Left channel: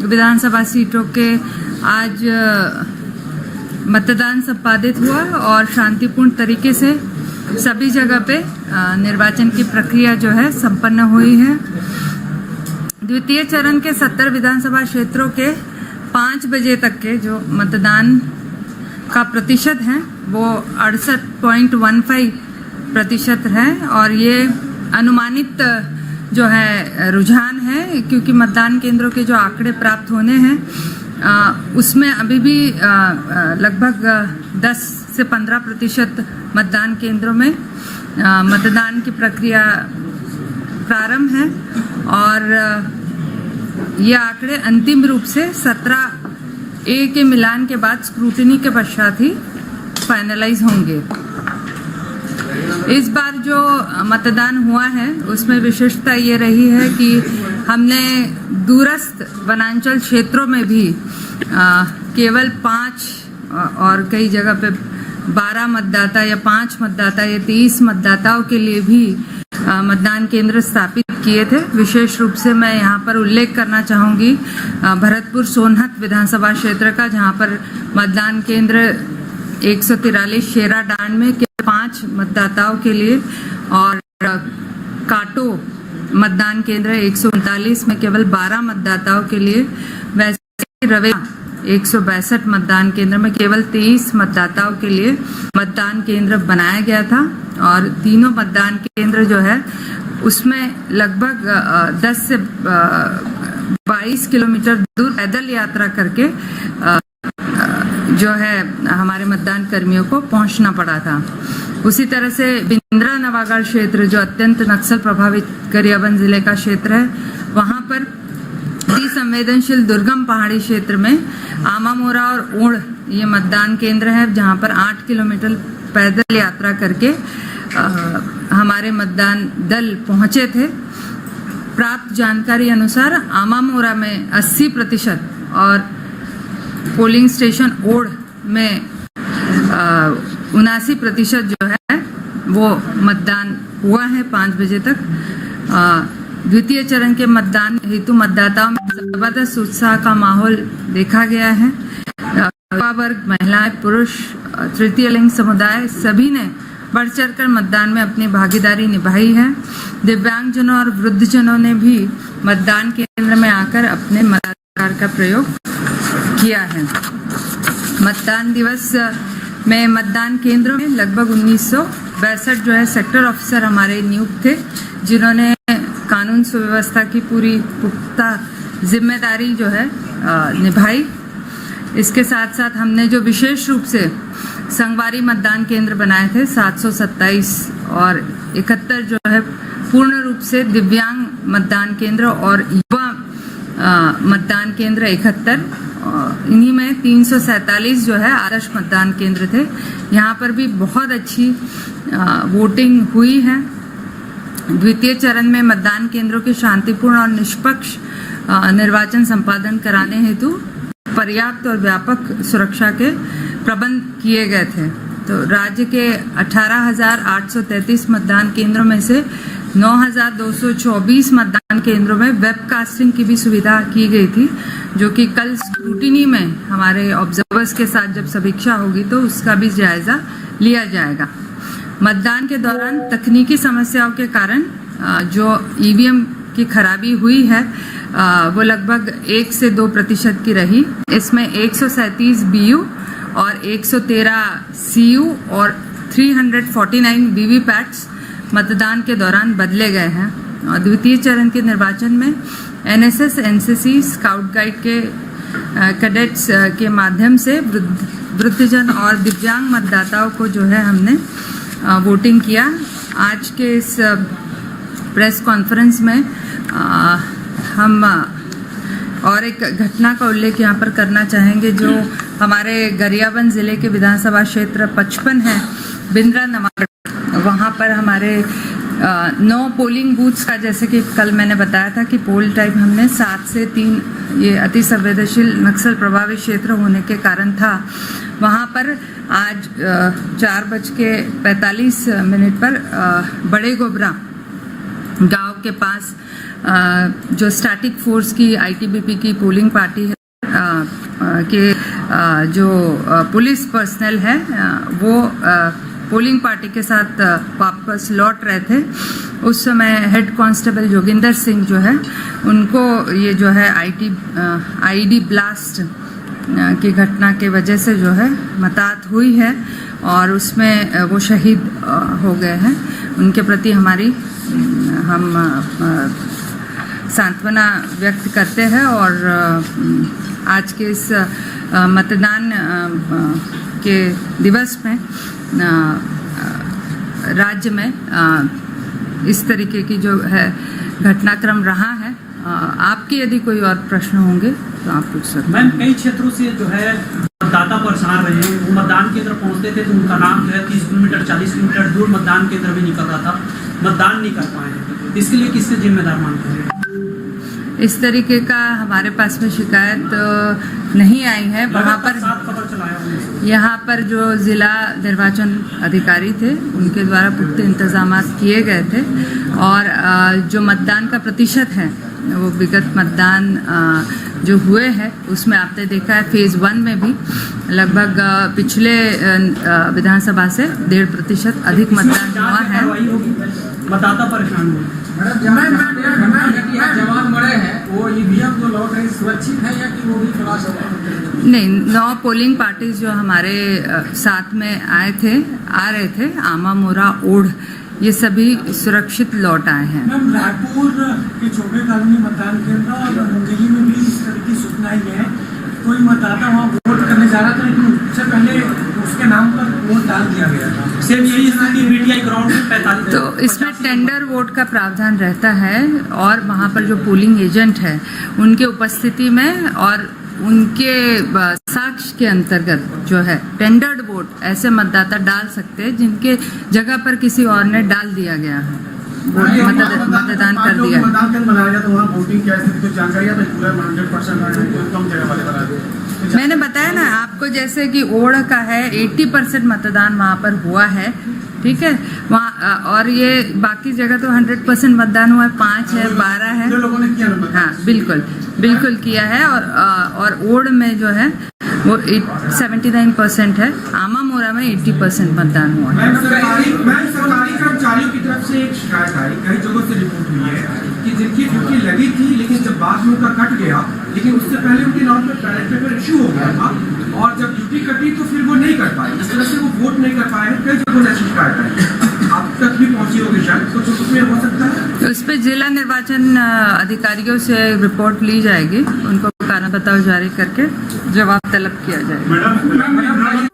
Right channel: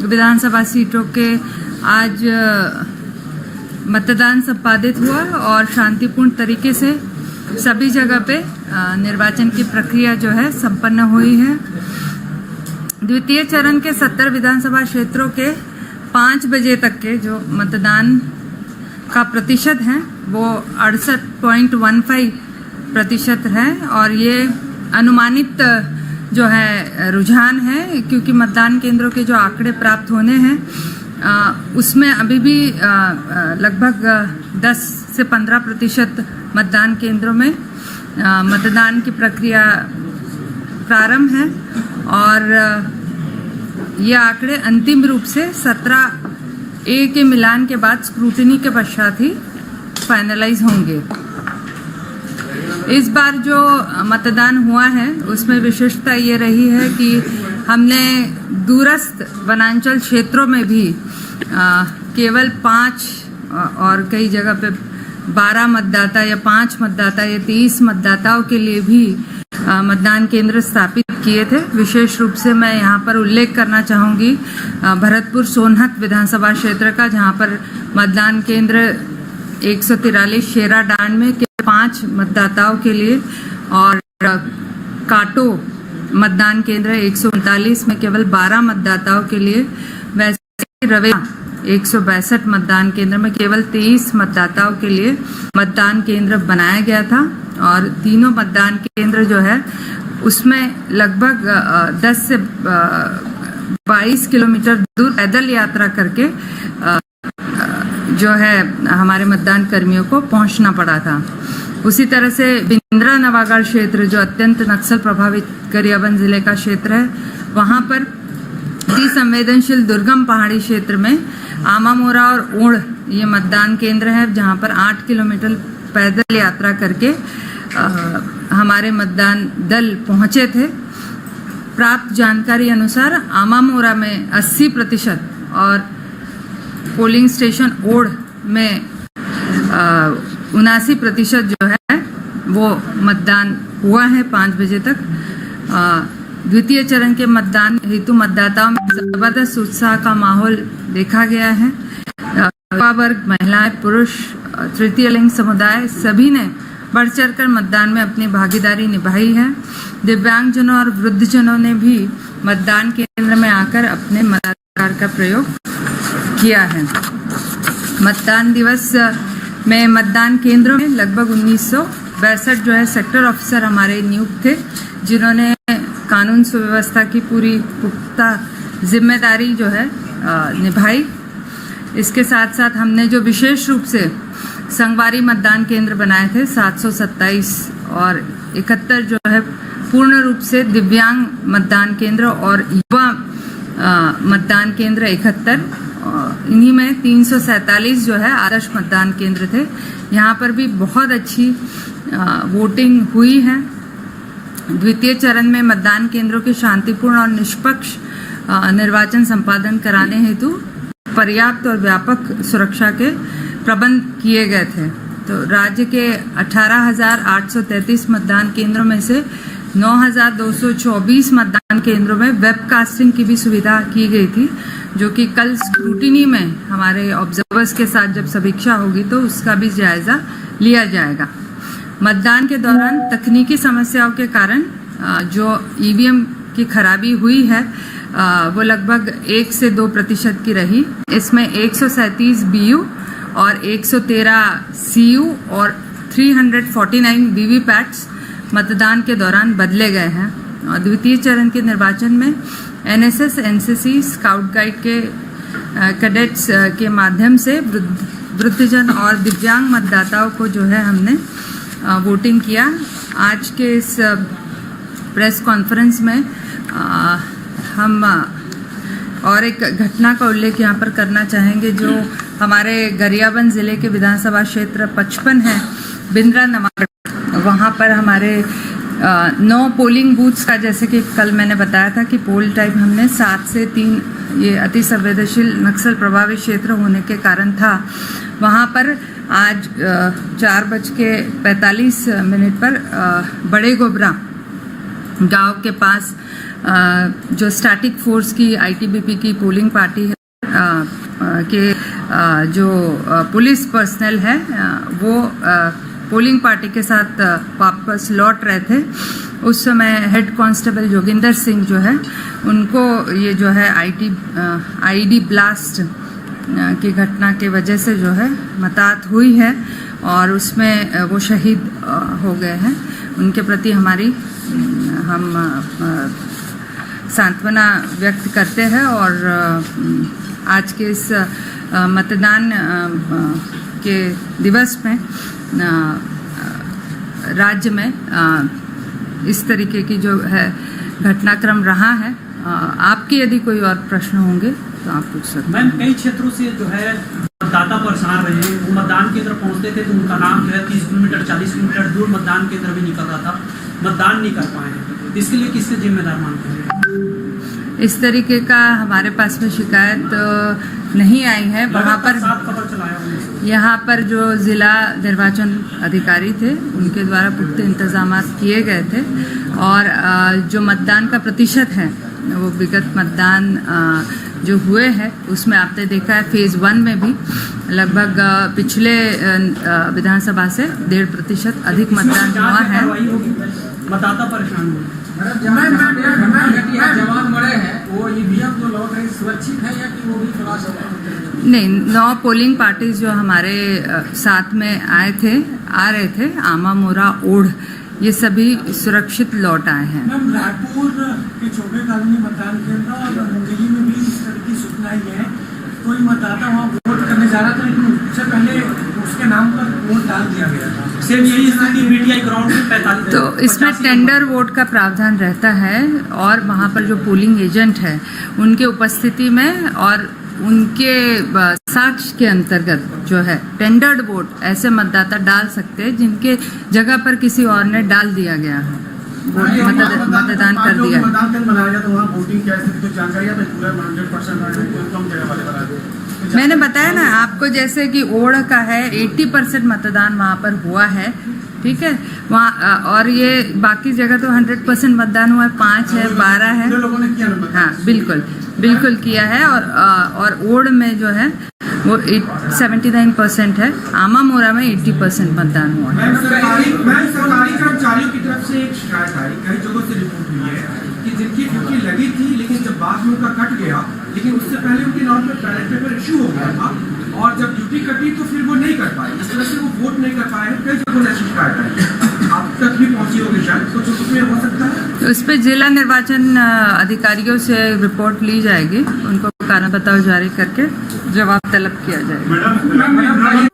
विधानसभा सीटों के आज मतदान संपादित हुआ और शांतिपूर्ण तरीके से सभी जगह पे निर्वाचन की प्रक्रिया जो है संपन्न हुई है। द्वितीय चरण के 70 विधानसभा क्षेत्रों के 5 बजे तक के जो मतदान का प्रतिशत है वो 68.15% है और ये अनुमानित जो है रुझान है, क्योंकि मतदान केंद्रों के जो आंकड़े प्राप्त होने हैं उसमें अभी भी लगभग 10 से 15% मतदान केंद्रों में मतदान की प्रक्रिया प्रारंभ है और ये आंकड़े अंतिम रूप से 17A के मिलान के बाद स्क्रूटिनी के पश्चात ही फाइनलाइज होंगे। इस बार जो मतदान हुआ है उसमें विशेषता ये रही है कि हमने दूरस्थ वनांचल क्षेत्रों में भी केवल 5 और कई जगह पे 12 मतदाता या 5 मतदाता या 23 मतदाताओं के लिए भी मतदान केंद्र स्थापित किए थे। विशेष रूप से मैं यहाँ पर उल्लेख करना चाहूंगी भरतपुर सोनहत विधानसभा क्षेत्र का, जहाँ पर मतदान केंद्र 143 शेराडांड में 5 मतदाताओं के लिए और काटो मतदान केंद्र 139 में केवल 12 मतदाताओं के लिए, वैसे रवेला 162 मतदान केंद्र में केवल 23 मतदाताओं के लिए मतदान केंद्र बनाया गया था और तीनों मतदान केंद्र जो है उसमें लगभग 10 से 22 किलोमीटर दूर पैदल यात्रा करके जो है हमारे मतदान कर्मियों को पहुंचना पड़ा था। उसी तरह से बिंद्रा नवागढ़ क्षेत्र जो अत्यंत नक्सल प्रभावित गरियाबंद जिले का क्षेत्र है, वहां पर अति संवेदनशील दुर्गम पहाड़ी क्षेत्र में आमामोरा और ओढ़ ये मतदान केंद्र है, जहां पर 8 किलोमीटर पैदल यात्रा करके हमारे मतदान दल पहुंचे थे। प्राप्त जानकारी अनुसार आमामोरा में 80% और पोलिंग स्टेशन ओढ़ में 79% जो है वो मतदान हुआ है 5 बजे तक। द्वितीय चरण के मतदान हेतु मतदाताओं में जबरदस्त उत्साह का माहौल देखा गया है। युवा वर्ग, महिलाएं, पुरुष, तृतीय लिंग समुदाय सभी ने बढ़ चढ़कर मतदान में अपनी भागीदारी निभाई है। दिव्यांगजनों और वृद्धजनों ने भी मतदान केंद्र में आकर अपने मताधिकार का प्रयोग किया है। मतदान दिवस में मतदान केंद्रों में लगभग 1962 जो है सेक्टर ऑफिसर हमारे नियुक्त थे, जिन्होंने कानून सुव्यवस्था की पूरी पुख्ता जिम्मेदारी जो है निभाई। इसके साथ साथ हमने जो विशेष रूप से संगवारी मतदान केंद्र बनाए थे 727 और 71 जो है पूर्ण रूप से दिव्यांग मतदान केंद्र और युवा मतदान केंद्र 71, इन्हीं में 347 जो है आदर्श मतदान केंद्र थे। यहाँ पर भी बहुत अच्छी वोटिंग हुई है। द्वितीय चरण में मतदान केंद्रों के शांतिपूर्ण और निष्पक्ष निर्वाचन संपादन कराने हेतु पर्याप्त और व्यापक सुरक्षा के प्रबंध किए गए थे। तो राज्य के 18,833 मतदान केंद्रों में से 9,224 मतदान केंद्रों में वेबकास्टिंग की भी सुविधा की गई थी, जो कि कल स्क्रूटिनी में हमारे ऑब्जर्वर्स के साथ जब समीक्षा होगी तो उसका भी जायजा लिया जाएगा। मतदान के दौरान तकनीकी समस्याओं के कारण जो ईवीएम की खराबी हुई है वो लगभग 1 से 2% की रही। इसमें 137 बीयू और 113 सीयू और 349 वीवीपैट्स मतदान के दौरान बदले गए हैं। द्वितीय चरण के निर्वाचन में एनएसएस, एनसीसी, स्काउट गाइड के कैडेट्स के माध्यम से वृद्धजन और दिव्यांग मतदाताओं को जो है हमने वोटिंग किया। आज के इस प्रेस कॉन्फ्रेंस में हम और एक घटना का उल्लेख यहाँ पर करना चाहेंगे, जो हमारे गरियाबंद जिले के विधानसभा क्षेत्र 55 है, बिंद्रा नवागढ़, वहाँ पर हमारे 9 पोलिंग बूथ्स का, जैसे कि कल मैंने बताया था कि पोल टाइम हमने 7 से 3 ये अति संवेदनशील नक्सल प्रभावित क्षेत्र होने के कारण था। वहाँ पर आज 4:45 पर बड़े गोबरा गांव के पास जो स्टैटिक फोर्स की आईटीबीपी की पोलिंग पार्टी है के जो पुलिस पर्सनल है वो पोलिंग पार्टी के साथ वापस लौट रहे थे। उस समय हेड कांस्टेबल जोगिंदर सिंह जो है उनको ये जो है आईडी ब्लास्ट की घटना के वजह से जो है मौत हुई है और उसमें वो शहीद हो गए हैं। उनके प्रति हम सांत्वना व्यक्त करते हैं और आज के इस मतदान के दिवस में राज्य में इस तरीके की जो है घटनाक्रम रहा है। आपके यदि कोई और प्रश्न होंगे तो आप पूछ सकते हैं। मैम, कई क्षेत्रों से जो है मतदाता परेशान रहे हैं, वो मतदान केंद्र पहुंचते थे तो उनका नाम जो है 30 किलोमीटर 40 किलोमीटर दूर मतदान केंद्र भी निकल रहा था, मतदान नहीं कर पाए हैं। इसके लिए किसके जिम्मेदार मानते हैं? इस तरीके का हमारे पास में शिकायत नहीं आई है। वहाँ पर यहाँ पर जो जिला निर्वाचन अधिकारी थे उनके द्वारा पुख्ता इंतजाम किए गए थे और जो मतदान का प्रतिशत है वो विगत मतदान जो हुए हैं उसमें आपने देखा है फेज 1 में भी लगभग पिछले विधानसभा से 1.5% अधिक मतदान हुआ है। मतदाता परेशान हुए। जवाब मरे हैं वो ईवीएम जो लौट रही सुरक्षित है या कि वो भी खराब है? नहीं, 9 पोलिंग पार्टीज जो हमारे साथ में आ रहे थे आमा मोरा ओढ़ ये सभी सुरक्षित लौट आए हैं। मैम, रायपुर के छोटे कॉलोनी मतदान केंद्र और मुंगेली में भी इस तरह की सूचना आई है। कोई मतदाता वहाँ वोट करने जा रहा था लेकिन उससे पहले उसके नाम पर वोट डाल दिया गया था। सेम यही स्थिति बीटीआई ग्राउंड में 45। तो इसमें टेंडर वोट का प्रावधान रहता है और वहाँ पर जो पोलिंग एजेंट है उनके उपस्थिति में और उनके साक्ष्य के अंतर्गत जो है टेंडर्ड वोट ऐसे मतदाता डाल सकते हैं जिनके जगह पर किसी और ने डाल दिया गया है, वोट मतदान कर दिया है। मतदान बनाया जाए तो वहाँ वोटिंग क्या स्थिति जानकारी है? पूरा 100% कम जगह वाले बना दो। मैंने बताया ना आपको जैसे कि ओढ़ का है 80% मतदान वहाँ पर हुआ है, ठीक है। वहाँ और ये बाकी जगह तो 100% मतदान हुआ है, 5 है 12 है। लोगों ने किया ना? हाँ बिल्कुल किया है और ओढ़ में जो है वो 79% है। आमा मोरा में 80% मतदान हुआ है। सरकारी कर्मचारियों की तरफ से एक शिकायत आई, कई जगहों से रिपोर्ट हुई है कि जिनकी ड्यूटी लगी थी लेकिन जब बाद में उनका कट गया, लेकिन उससे पहले उनके नाम पर बैलेट पेपर इश्यू हो गया था और जब ड्यूटी कटी तो फिर वो नहीं कर पाए, इस तरह से वो वोट नहीं कर पाए। कई जगहों से शिकायत आई, आप तक भी पहुंची होगी शायद, कुछ उसमें हो सकता है। उस पर जिला निर्वाचन अधिकारियों से रिपोर्ट ली जाएगी, उनको कारण बताओ जारी करके जवाब तलब किया जाएगा।